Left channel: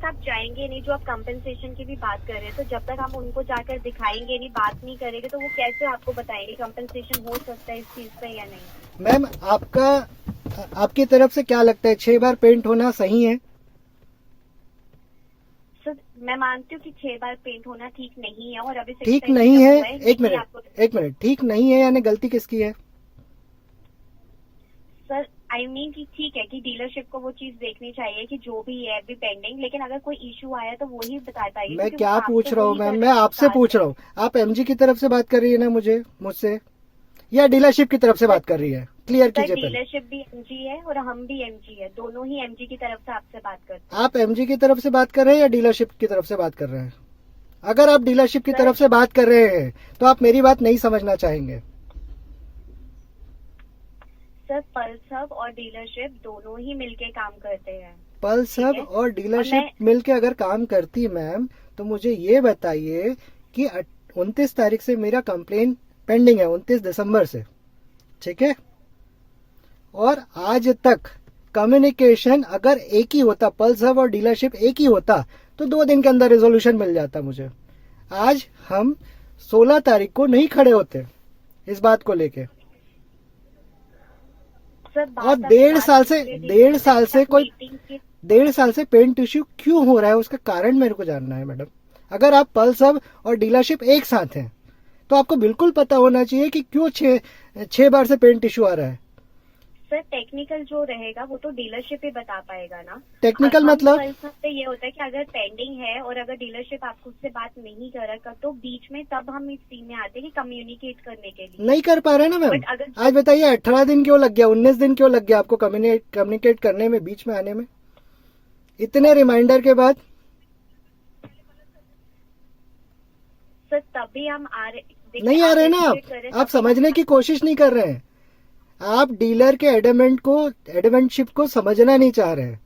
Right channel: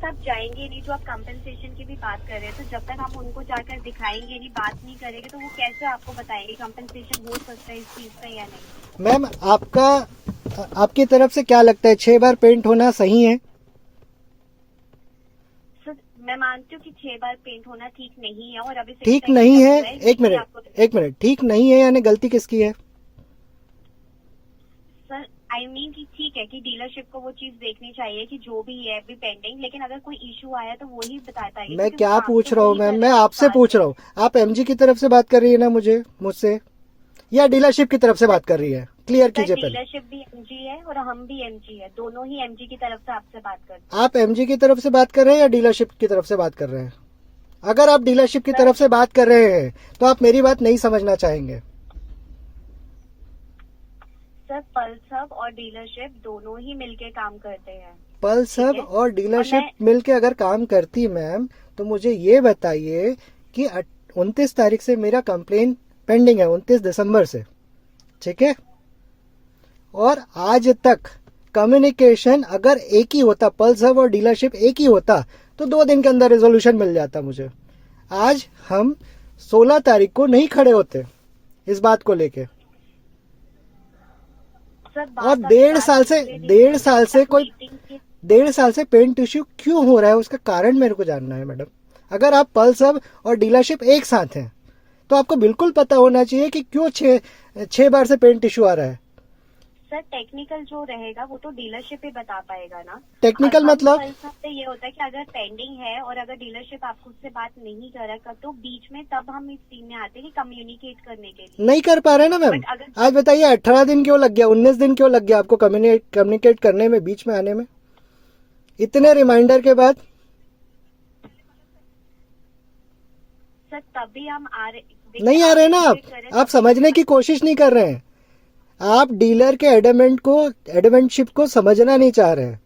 तक आप जाएंगे नहीं, जो आप कंपनसेशन की भी बात कर रहे हैं, तो जब तक आप उनको जाकर दिखाएंगे नहीं, बात नहीं करेंगे, तो वो कैसे आपको बताएंगे कंपनसेशन हो सकता है इस चीज का या नहीं। मैम आपकी तरफ से क्या लगता है, 6 बार पेंट होना सही है? सर मैं मानती हूँ कि 6 बार पेंट होना ठीक नहीं है, और अभी ठीक 6 नहीं है? एक लेकिन आपको मिनट, ठीक नहीं है यानी गलती किसकी है? सर आई मीन कि ठीक है कि डीलरशिप को वो चीज देखनी चाहिए कि जो भी है अभी पेंडिंग, लेकिन अगर कोई इशू आया तो वही बता पाएगी। मैं क्योंकि वो क्या काम पूछ तो रहा हूँ वही मैम, कर मैं रहे हैं आपसे साथ पूछ में। रहा हूँ, आप एमजी की तरफ से बात कर रही है ना मुझसे, या डीलरशिप की तरफ से बात कर रही है? क्लियर सर कीजिए पहले। डीलरशिप भी एमजी है और हम भी एमजी है, दोनों ही एमजी की तरफ से आपसे बात करते हैं। आप एमजी की तरफ से बात कर रहे हैं या डीलरशिप की तरफ से बात कर रहे हैं? अगर आप डीलरशिप की सर तरफ से बात कर रहे हैं तो आप मेरी बात नहीं समझना चाहेंगे। सर पल्स हब और डीलरशिप दोनों ही मिलके काम करते हैं। पल्स ठीक हब है, और और डीलरशिप मैं मिलके अगर काम करती मैम, तो मुझे ये बताइए कि 29 तारीख से मेरा कंप्लेन पेंडिंग है, 29 दिसंबर से, ठीक है? और आज तक कम्युनिकेशन अगर एक ही होता, पल्स हब और डीलरशिप एक ही होता, तो 2 दिन के अंदर रेजोल्यूशन मिल जाता मुझे। आज हम 16 तारीख को नहीं खड़े होते इस बात को लेके। सर और बात अभी लास्ट पिछले दिन डेढ़ साल से तक कोई मीटिंग की। 1.5 साल से पेंट इश्यू क्यों हो रहा है, उसका कारण मेरे को जानना है मैडम। अगर आप पल्स हब और डीलरशिप एक साथ हैं तो आपको बिल्कुल पता होना चाहिए कि क्यों 6 बार से पेंट इश्यू आ रहा है। सर टेक्निकल जो रहेगा वो तो डीलरशिप ही बता पाएगा ना। टेक्निकल हम मतलब? पल्स हब पे ये होता है कि अगर पेंडिंग है और अगर डीलरशिप आपको उससे बात नहीं कर रहा तो बीच में तब हम इस टीम में आते हैं कि कम्युनिकेट करने के लिए। नहीं कर पा रहे ना मैम। बट अगर आज बताइए 18 दिन क्यों लग गया, 19 दिन क्यों लग गया आपको कम्युनिकेट करने में, बीच में आने में, इतने रिमाइंडर के बाद? सर तभी हम आ रहे, देखिए नहीं आ रहे ना educate कर रहे हैं आप तभी। समझने की कोशिश नहीं कर रहे हैं। आप डीलर के एडमेंटशिप को समझना नहीं चाह रहे हैं।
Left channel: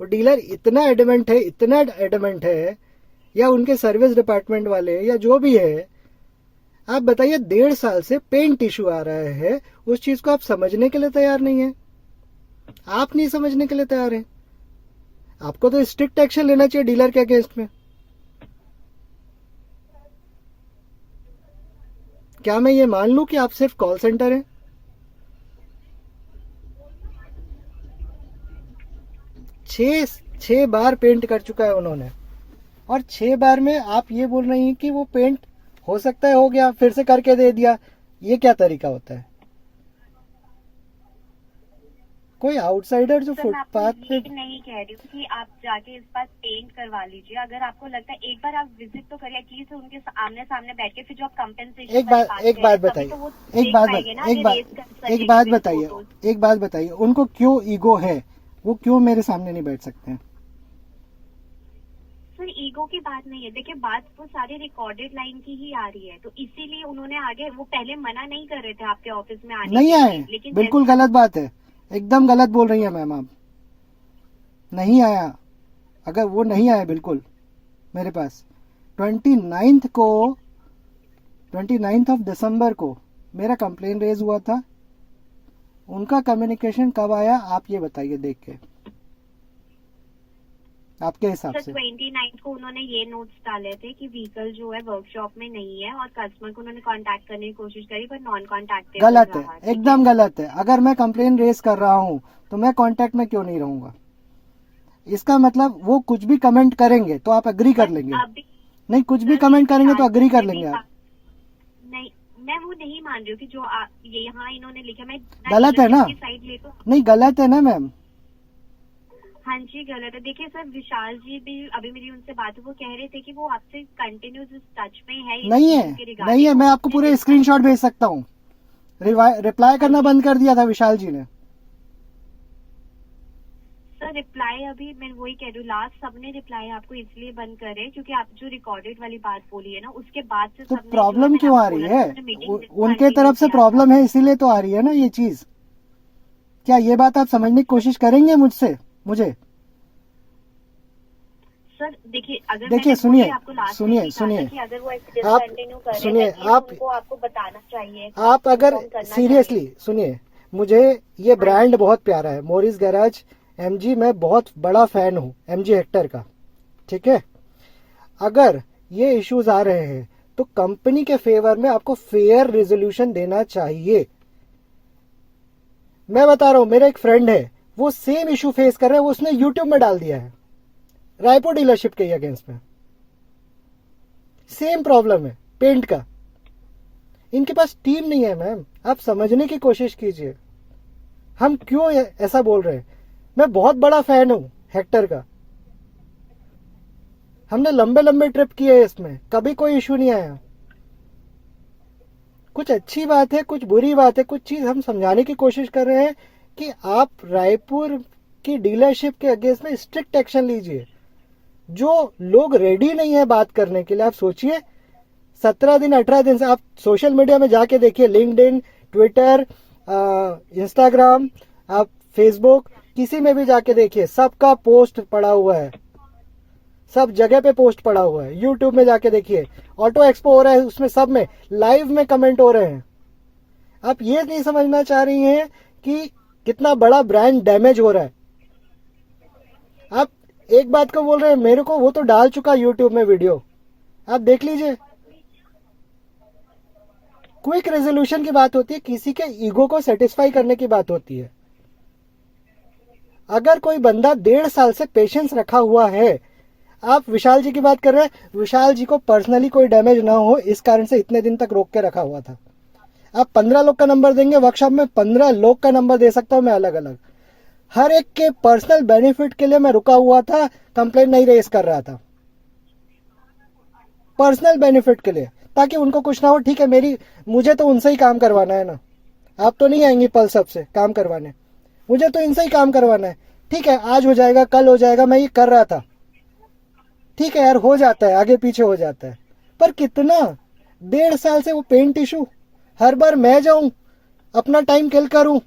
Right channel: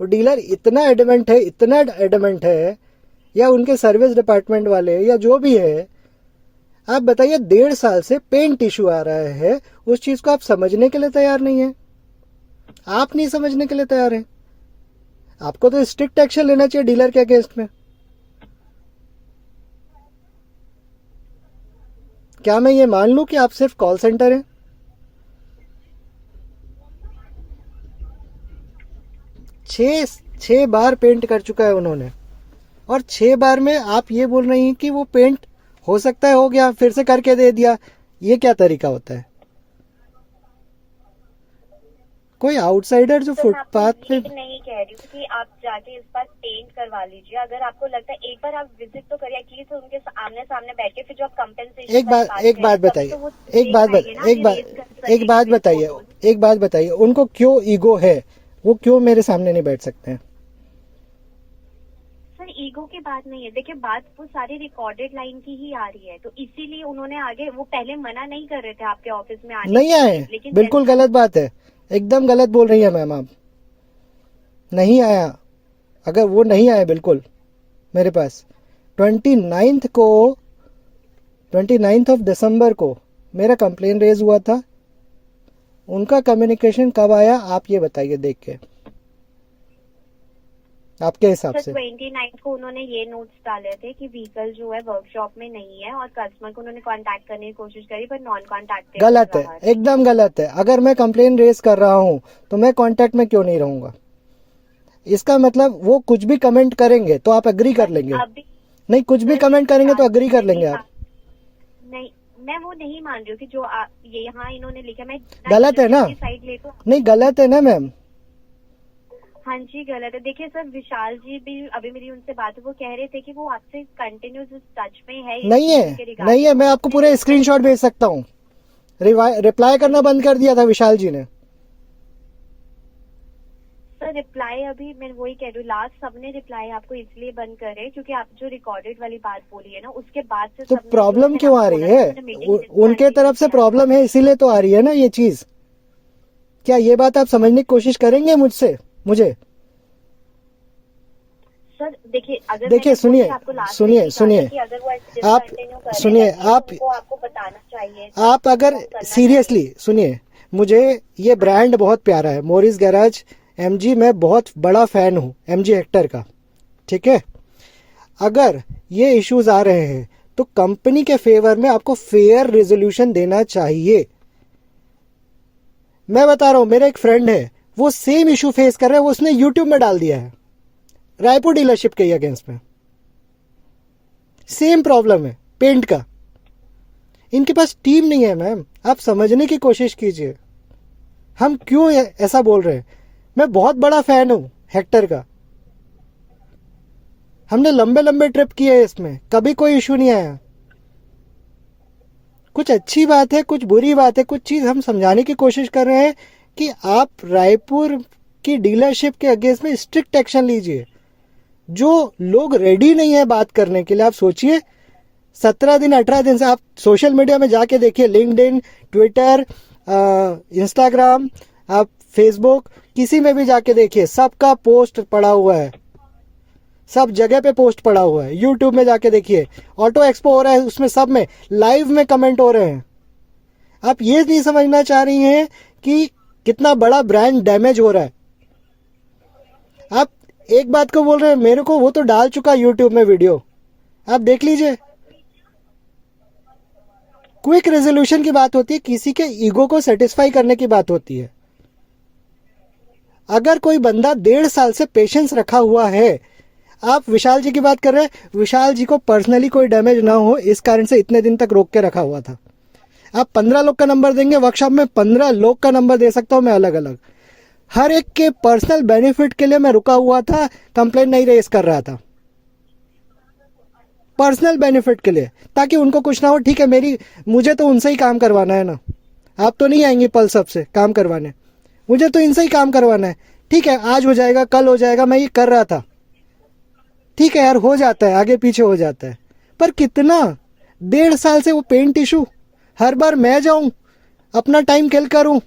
वो डीलर इतना एडमेंट है, या उनके सर्विस डिपार्टमेंट वाले या जो भी है, आप बताइए 1.5 साल से पेंट इशू आ रहा है, उस चीज को आप समझने के लिए तैयार नहीं है। आप नहीं समझने के लिए तैयार है। आपको तो स्ट्रिक्ट एक्शन लेना चाहिए डीलर के अगेंस्ट में। क्या मैं ये मान लूं कि आप सिर्फ कॉल सेंटर हैं? छह बार पेंट कर चुका है उन्होंने, और 6 बार में आप ये बोल रही हैं कि वो पेंट हो सकता है हो गया, फिर से करके दे दिया। ये क्या तरीका होता है? कोई आउटसाइडर जो सर मैं आपको फुटपाथ पे। ये नहीं कह रही हूँ कि आप जाके इस बार पेंट करवा लीजिए। अगर आपको लगता है एक बार आप विजिट तो करिए एटलीस्ट उनके आमने सामने बैठ के, फिर जो आप कंपेंसेशन एक वाली बात बात एक कर रहे बात हैं तभी बताइए तो वो एक देख बात पाएंगे ना एक कि बात रेस कर एक सकेंगे बात विद बताइए फोटोज। एक बात बताइए उनको क्यों ईगो है, वो क्यों मेरे सामने नहीं बैठ सकते हैं? सर ईगो की बात नहीं है, देखिए बात वो सारी रिकॉर्डेड लाइन की ही आ रही है, तो इसीलिए उन्होंने आगे, वो पहले मना नहीं कर रहे थे आपके ऑफिस में आने नहीं के आए, लिए, लेकिन बिल्कुल गलत बात है, एकदम गलत बोल रही है मैम आप। नहीं आया, अगर वो नहीं आए बिल्कुल मेरे पास, 29 को 29 ऑफ दिसंबर को मेरा कंप्लेन रेज हुआ था। उनका कम्युनिकेशन कब आया आप ये बताइए, देख के आपके हिसाब सर से। 29 को उन्होंने ये नोट्स डाले थे कि व्हीकल जो है वर्कशॉप में नहीं है, और कस्टमर को उन्होंने कांटेक्ट करने की कोशिश करी पर नॉन कांटेक्टेबल गलत है, रहा। ठीक है, एकदम गलत है। अगर मैं कंप्लेन रेज कर रहा हूं तो मैं कांटेक्ट में क्यों नहीं रहूंगा? इसका मतलब वो कुछ भी कमेंट करेंगे तो आप एग्री कर बट लेंगे? अभी नहीं, कुछ भी सर कमेंट करेंगे तो विशाल एग्री कर मैं भी लेंगे आप? नहीं, मैं वो नहीं मान रही हूँ कि जो ये यहाँ इन्होंने लिखा, मैं गलत है ना? की साइड ले तो। नहीं, गलत है ना मैम? हाँ जी गलत है। देखिए सर विशाल जी भी, अभी मेरी उनसे बात हुई, वो कह रहे थे कि वो आपसे कंटिन्यूस टच में है इस नहीं है, issue के नहीं है। regarding, मैं और आपको उसने पूरे discuss स्क्रीनशॉट भेज सकता हूँ। रिप्लाई हाँ करना जी बंद कर दिया था विशाल जी ने। सर रिप्लाई, अभी मैं वही कह रही हूँ, लास्ट सबने रिप्लाई आपको इसलिए बंद करे क्योंकि आप जो रिकॉर्डेड वाली बात बोली है ना, उसके बाद से तो सबने जो है, प्रॉब्लम मैंने क्यों आ आपको रही बोला था है? ना, मैंने मीटिंग उनके कंटिन्यू तरफ से किया था। प्रॉब्लम है, इसीलिए तो आ रही है ना ये चीज। क्या ये बात आप समझने की कोशिश करेंगे मुझे? सर देखिए, अगर देखिए, मैंने वही आपको लास्ट में सुनिए भी कहा था सुनिए कि अगर वो ऐसे आप डिसकंटिन्यू कर रहे सुनिए हैं तो आप उनको आपको बताना चाहिए था, आप अगर इन्फॉर्म करना चाहिए। सीरियसली सुनिए, मुझे ये हाँ ब्रांड जी बहुत प्यारा है, मोरिस गैराज एमजी। मैं बहुत बड़ा फैन हूँ एमजी हेक्टर का, ठीक है। अगर ये इश्यूज आ रहे हैं तो कंपनी के फेवर में आपको फेयर रेजोल्यूशन देना चाहिए। मैं बता रहा हूं, मेरा एक फ्रेंड है, वो सेम इशू फेस कर रहा है, वो उसने यूट्यूब में डाल दिया है रायपुर डीलरशिप के अगेंस्ट में। सेम प्रॉब्लम है पेंट का। इनके पास टीम नहीं है मैम, आप समझने की कोशिश कीजिए हम क्यों ऐसा बोल रहे हैं। मैं बहुत बड़ा फैन हूं हेक्टर का, हमने लंबे लंबे ट्रिप किए इसमें, कभी कोई इशू नहीं आया। कुछ अच्छी बात है, कुछ बुरी बात है, कुछ चीज हम समझाने की कोशिश कर रहे हैं कि आप रायपुर की डीलरशिप के अगेंस्ट में स्ट्रिक्ट एक्शन लीजिए। जो लोग रेडी नहीं है बात करने के लिए, आप सोचिए 17 दिन 18 दिन से आप सोशल मीडिया में जाके देखिए, लिंक्डइन, ट्विटर, इंस्टाग्राम, आप फेसबुक, किसी में भी जाके देखिए, सबका पोस्ट पड़ा हुआ है, सब जगह पे पोस्ट पड़ा हुआ है। यूट्यूब में जाके देखिए, ऑटो एक्सपो हो रहा है, उसमें सब में लाइव में कमेंट हो रहे हैं। आप ये नहीं समझना चाह रही हैं कि कितना बड़ा ब्रांड डैमेज हो रहा है। आप एक बात को बोल रहे हैं मेरे को, वो तो डाल चुका यूट्यूब में वीडियो, आप देख लीजिए। क्विक रेजोल्यूशन की बात होती है, किसी के ईगो को सेटिस्फाई करने की बात होती है। अगर कोई बंदा 1.5 साल से पेशेंस रखा हुआ है, आप विशाल जी की बात कर रहे हैं, विशाल जी को पर्सनली कोई डैमेज ना हो इस कारण से इतने दिन तक रोक के रखा हुआ था। आप 15 लोग का नंबर देंगे वर्कशॉप में, 15 लोग का नंबर दे सकता हूं मैं अलग अलग। हर एक के पर्सनल बेनिफिट के लिए मैं रुका हुआ था, कंप्लेंट नहीं रेज कर रहा था, पर्सनल बेनिफिट के लिए, ताकि उनको कुछ ना हो। ठीक है, मुझे तो उनसे ही काम करवाना है ना, आप तो नहीं आएंगी पल्स अप से काम करवाने, मुझे तो इनसे ही काम करवाना है। ठीक है, आज हो जाएगा, कल हो जाएगा, मैं ये कर रहा था, ठीक है यार, हो जाता है, आगे पीछे हो जाता है। पर कितना 1.5 साल से वो पेंट इशू, हर बार मैं जाऊं, अपना टाइम किल करूं,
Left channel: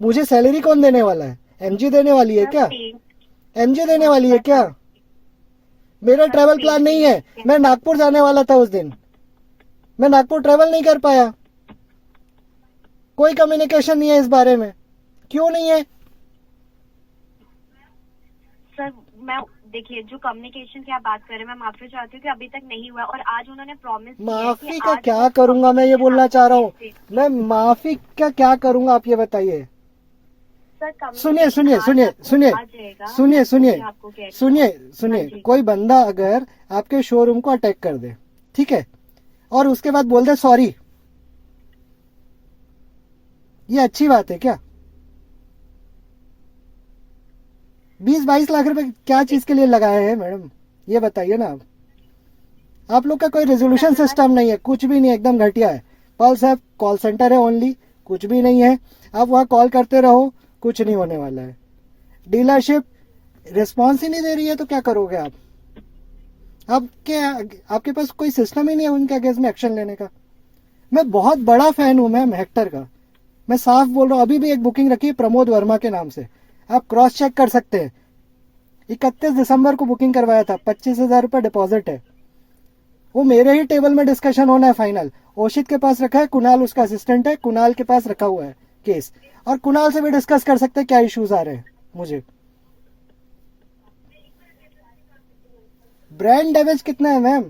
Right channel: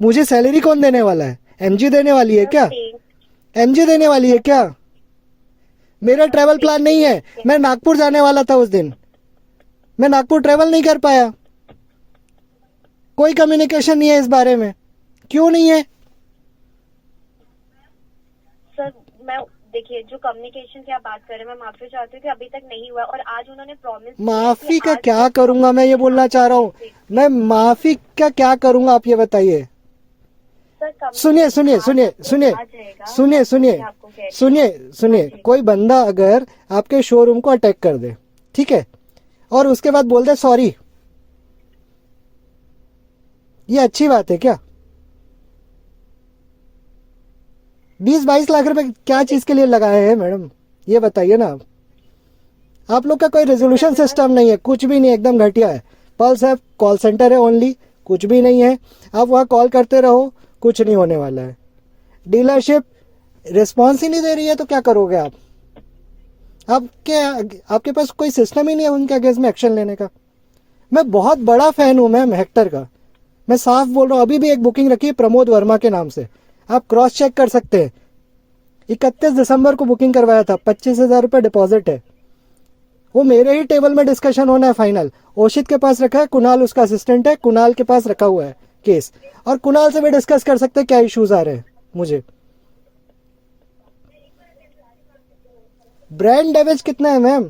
मुझे सैलरी कौन देने वाला है? एमजी देने वाली है क्या? एमजी देने वाली है क्या? मेरा ट्रैवल प्लान नहीं है, मैं नागपुर जाने वाला था उस दिन, मैं नागपुर ट्रैवल नहीं कर पाया। कोई कम्युनिकेशन नहीं है इस बारे में, क्यों नहीं है? सर मैं देखिए, जो कम्युनिकेशन की आप बात कर रहे हैं, मैं माफी चाहती हूँ कि अभी तक नहीं हुआ, और आज उन्होंने प्रॉमिस, माफी का क्या करूंगा मैं, ये बोलना चाह रहा हूँ मैं, माफी का क्या करूंगा आप ये बताइए। सुनिए सुनिए सुनिए सुनिए सुनिए सुनिए सुनिए सुनिए, कोई बंदा अगर आपके शोरूम को अटैक कर दे, ठीक है, और उसके बाद बोल दे सॉरी, ये अच्छी बात है क्या? 20-22 लाख रुपए क्या चीज के लिए लगाए हैं मैडम, ये बताइए ना। आप लोग का कोई रेजोल्यूशन सिस्टम नहीं है, कुछ भी नहीं, एकदम घटिया है। पल्स है, कॉल सेंटर है ओनली, कुछ भी नहीं है। आप वहां कॉल करते रहो, कुछ नहीं होने वाला है। डीलरशिप रिस्पॉन्स ही नहीं दे रही है तो क्या करोगे आप? आपके पास कोई सिस्टम ही नहीं है उनके अगेंस्ट में एक्शन लेने का। मैं बहुत बड़ा फैन हूं मैम हेक्टर का, मैं साफ बोल रहा हूं। अभी भी एक बुकिंग रखी है प्रमोद वर्मा के नाम से, आप क्रॉस चेक कर सकते हैं। 31 दिसंबर को बुकिंग करवाया था, 25,000 रुपये डिपॉजिट है। वो मेरे ही टेबल में डिस्कशन होना है फाइनल। ओशित के पास रखा है, कुणाल उसका असिस्टेंट है, कुणाल के पास रखा हुआ है केस, और कुणाल से भी डिस्कस कर सकते हैं क्या इश्यूज आ रहे हैं मुझे। ब्रांड डैमेज कितना है मैम,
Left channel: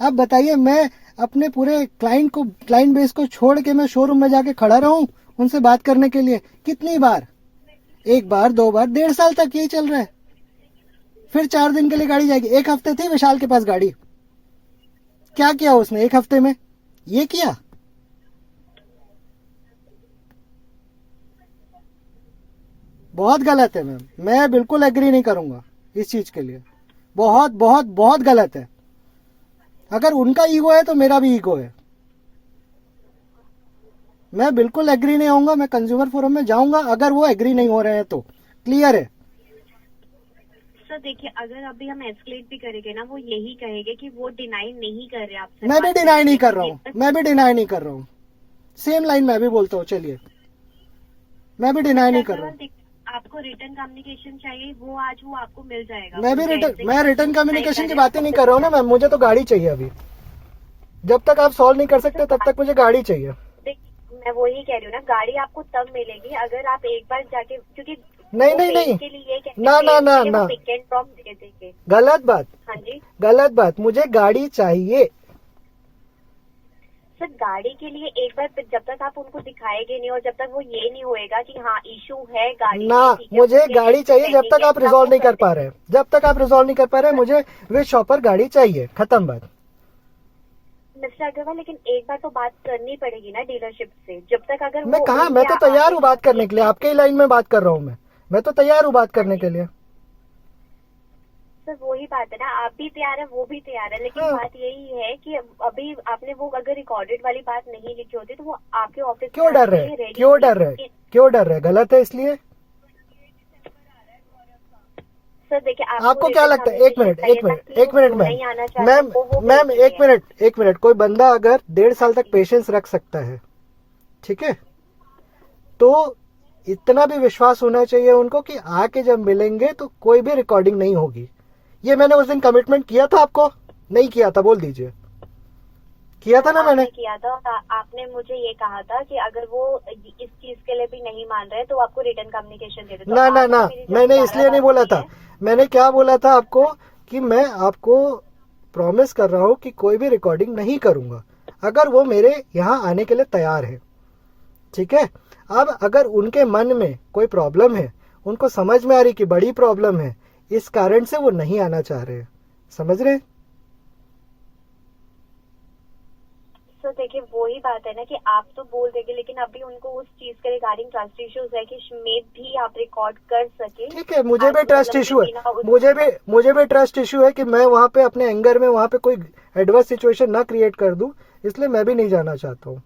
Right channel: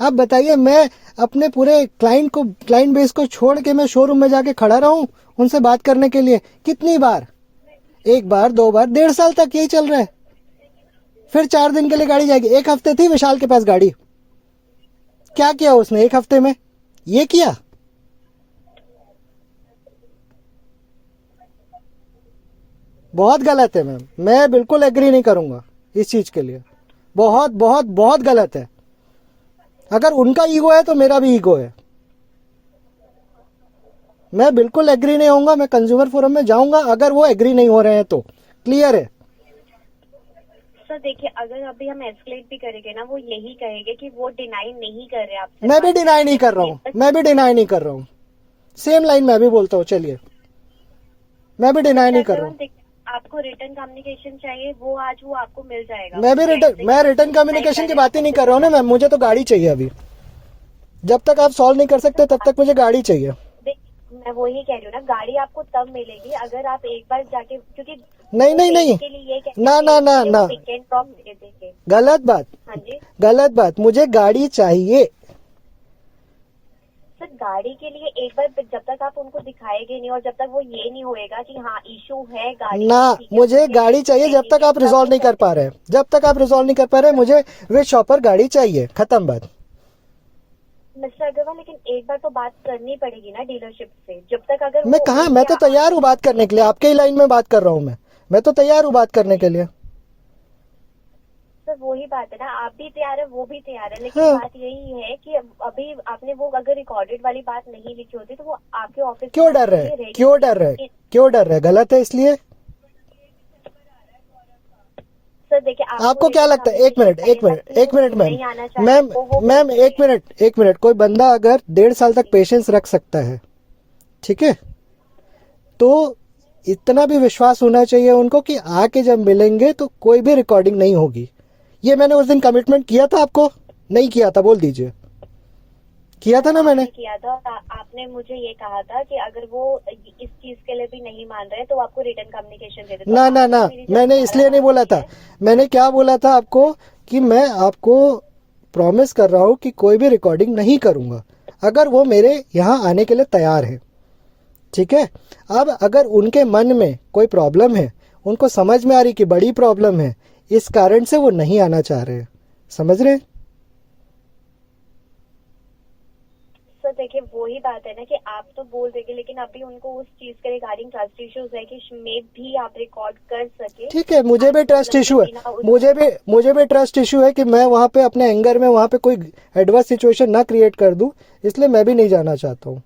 आप बताइए। मैं अपने पूरे क्लाइंट बेस को छोड़ के मैं शोरूम में जाके खड़ा रहूं उनसे बात करने के लिए? कितनी बार? 1 बार 2 बार, 1.5 साल तक यही चल रहा है। फिर 4 दिन के लिए गाड़ी जाएगी। 1 हफ्ते थी विशाल के पास गाड़ी, क्या किया उसने 1 हफ्ते में? ये किया। बहुत गलत है मैम, मैं बिल्कुल एग्री नहीं करूंगा इस चीज के लिए। बहुत बहुत बहुत गलत है। अगर उनका ईगो है तो मेरा भी ईगो है। मैं बिल्कुल एग्री नहीं होऊंगा, मैं कंज्यूमर फोरम में जाऊंगा अगर वो एग्री नहीं हो रहे हैं तो। क्लियर है सर? देखिए, अगर अभी हम एस्केलेट भी करेंगे ना, वो यही कहेंगे कि वो डिनाई नहीं कर रहे आपसे। मैं भी डिनाई नहीं कर रहा हूँ, मैं भी डिनाई नहीं कर रहा हूँ। सेम लाइन मैं भी बोलता हूँ, चलिए मैं भी डिनाई नहीं कर रहा हूँ। आपको रिटर्न कम्युनिकेशन चाहिए, वो आज वो आपको मिल जाएगा। मैं रिटर्न कम्युनिकेशन की बात ही नहीं कर रहा हूँ ना मैम, मुझे तो गाड़ी चाहिए अभी। जब तक आप सॉल्व नहीं कर सकते तब तक मुझे गाड़ी चाहिए। मैं वही कह रही हूँ ना, गाड़ी आपको तब मिलेगी अगर आप एक बार जाके, क्योंकि नहीं नहीं नहीं, के लिए ये कहते ना ना ना थे, ना, वो पिक एंड ड्रॉप दे देंगे। गलत बात, हाँ जी गलत बात, मुझे गाड़ी चाहिए। सर, गाड़ी के लिए एक बार जब तक आप उनको दिखाएंगे नहीं और जब तक वो ये नहीं होएगा कि हाँ इशू है गाड़ी ना, में, ठीक है, मुझे उसके गाड़ी लिए चाहिए जब तक चाहिए, आप तब रिजॉल्व वो नहीं कर करते पा रहे हैं, जब तक आप रिजॉल्व नहीं कर पा रहे हैं, मुझे वे शॉपर गाड़ी चाहिए, खत्म बात। मिस्टर अग्रवाल, लेकिन एक बार तो बात करनी पड़ेगी ना डीलरशिप से। जब तक अगर मैं वो कहा, उनके मैं तो तैयार हूँ बात करने के लिए, आपके ही लाइन में बात कर रहा हूँ मैं तो तैयार हूँ बात करने के लिए। सर वही बात है ना, आप भी तैयार है, वो भी तैयार है, लेकिन हाँ। बात यही है कि अभी आपने वो अगर रिकॉर्डेड वाली बात नहीं लिखी होती तो वो आपके ऑफिस क्यों डर रहे, क्यों डर रहे, क्यों डर रहे, गलत है इसलिए। सर देखिए, आपको क्या लगता है, एक मिनट मैम, मैम एक मिनट, कोई बंदा अगर 1.5 साल तक पेशेंस रख सकता है, ठीक है, तो इतना भी विश्वास होना चाहिए उनको कि आके जब मिलेंगे तो कोई भी रिकॉर्डिंग नहीं होगी। ये मैंने उस दिन कमिटमेंट किया था आपको, नहीं किया था, बोल दीजिए। किया था ना मैंने? किया था, और आपने मुझे ये कहा था कि अगर वो इस चीज के लिए भी नहीं मान रहे तो आपको रिटर्न कम्युनिकेशन दे दे। ना ना ना, मैंने इसलिए नहीं बोला था। मैंने क्या बोला था आपको कि मैं आपको प्रॉमिस कर रहा हूँ कि कोई भी रिकॉर्डिंग नहीं करूंगा अगर वो मेरे यहाँ आने के लिए तैयार है, ठीक है। अब अगर उनके मन में कोई प्रॉब्लम है, उनको समझ में आ रही कि बड़ी प्रॉब्लम है, इस कारण से वो नहीं आना चाह रहे हैं, समझ रहे हैं? सर देखिए, वही बात है ना कि आप तो बोल देंगे, लेकिन अभी उनको उस चीज के रिगार्डिंग ट्रस्ट इश्यूज है कि में भी आप रिकॉर्ड कर सके। ठीक है, मुझे भी ट्रस्ट इशू है, बिना उस- मुझे भी ट्रस्ट इशू है कि मैं वहां पे अपने एंगर में वहां पे कोई एडवर्स सिचुएशन ना क्रिएट कर दूं, इसलिए मैं भी नहीं जाना चाहता हूँ।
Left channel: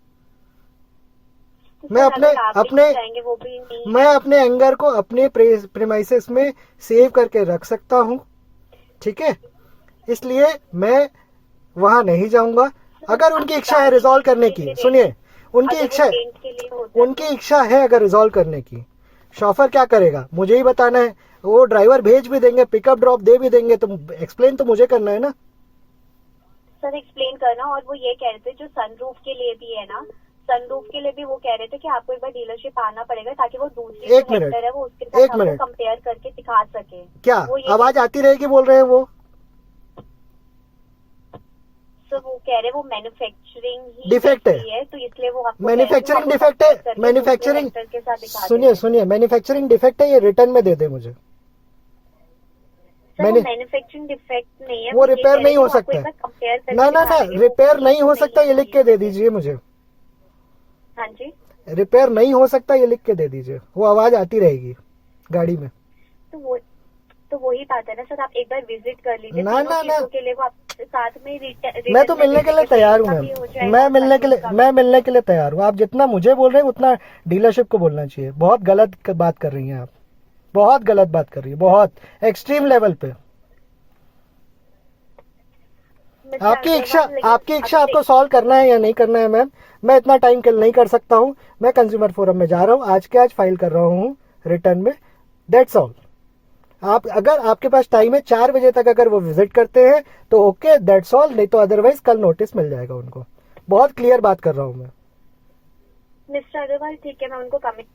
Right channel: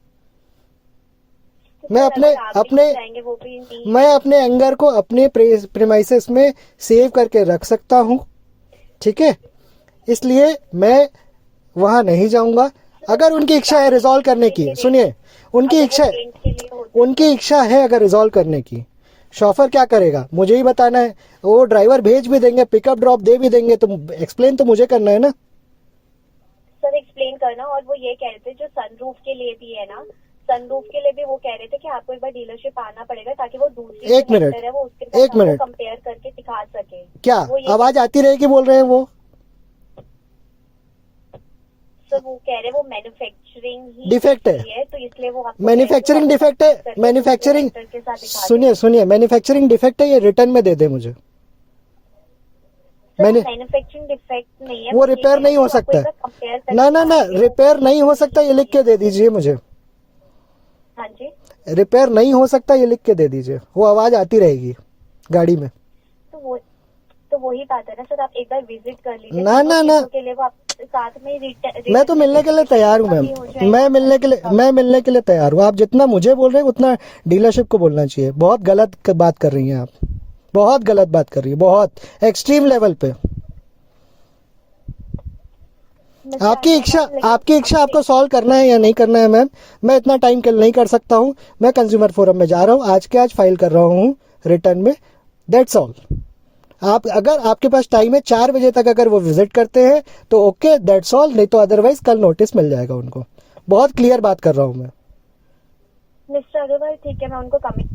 तो मैं सर, अपने अगर आप भी अपने जाएंगे वो भी नहीं मैं अपने एंगर को अपने प्रेमाइसेस में सेव करके रख सकता हूँ, ठीक है, इसलिए मैं वहां नहीं जाऊंगा। अगर उनकी इच्छा है रिजॉल्व करने की, सुनिए, उनकी इच्छा है, पेंट के लिए होता उनकी इच्छा है अगर रिजॉल्व करने की, शॉफर क्या करेगा मुझे ही बताना है। वो ड्राइवर भेज भी देंगे, पिकअप ड्रॉप दे भी देंगे, तो एक्सप्लेन तो मुझे करना है ना। सर एक्सप्लेन करना, और वो ये कह रहे थे जो सनरूफ के लिए भी है ना, सनरूफ के लिए भी वो कह रहे थे कि आपको एक बार डीलरशिप आना पड़ेगा ताकि वो दूसरी एक मिनट, है वो उसके एक साथ मिनट। कंपेयर करके दिखा सके। क्या वो ये आवाज आती रहेगी बोल रहे हैं वो? सर वो कह रहे वो मैन्युफैक्चरिंग ही डिफेक्ट है, तो इसलिए वो आपको मैन्युफैक्चरिंग डिफेक्ट है, मैन्युफैक्चरिंग, के साथ दिखा सुनिए सुनिए, मैन्युफैक्चरिंग डिफेक्ट है, ये रिटर्न में दे दे मुझे। मैंने मैन्युफैक्चरिंग डिफेक्ट नहीं है, वो रिपेयर नहीं हो सकता है, ना ना ना, रिपेयर नहीं हो सकता, ये लिख के दे दीजिए मुझे। हाँ जी, रिपेयर नहीं हो सकता, ये लिख के दे दीजिए, वो आवाज आती रहेगी गाड़ी में। तो वही बात है ना सर, आप एक बार विजिट कर लीजिए ना ना ना, के लिए वो आप साथ में मैं तो मिलने के लिए तैयार हूँ मैम, मैं मिलने के लिए तैयार हूँ। आप जितना मुझे बोल रहे हैं उतना डीलरशिप को बोलना चाहिए। बहुत गलत बात कर रही हैं आप, बहुत गलत बात कर रही है, बहुत एक्सट्रीम लेवल पे। आपकी इच्छा आपको सॉल्व करना है या नहीं करना है मैम, मैं इतना टाइम किल नहीं कर सकता हूँ। मैं कंज्यूमर फोरम में जा रहा हूँ, आज के आज फाइल कर रहा हूँ रिटर्न में, दैट्स ऑल। आप अगर आपके पास टाइम है 4 बजे तक अगर वो विजिट करते हैं तो ओके, दैट्स ऑल, नहीं तो अदरवाइज कल नोटिस मिल जाएगा उनको। बहुत क्लियर बात कर रहा हूँ मैं। मिस्टर अग्रवाल, ठीक है, मैं उनको कमिट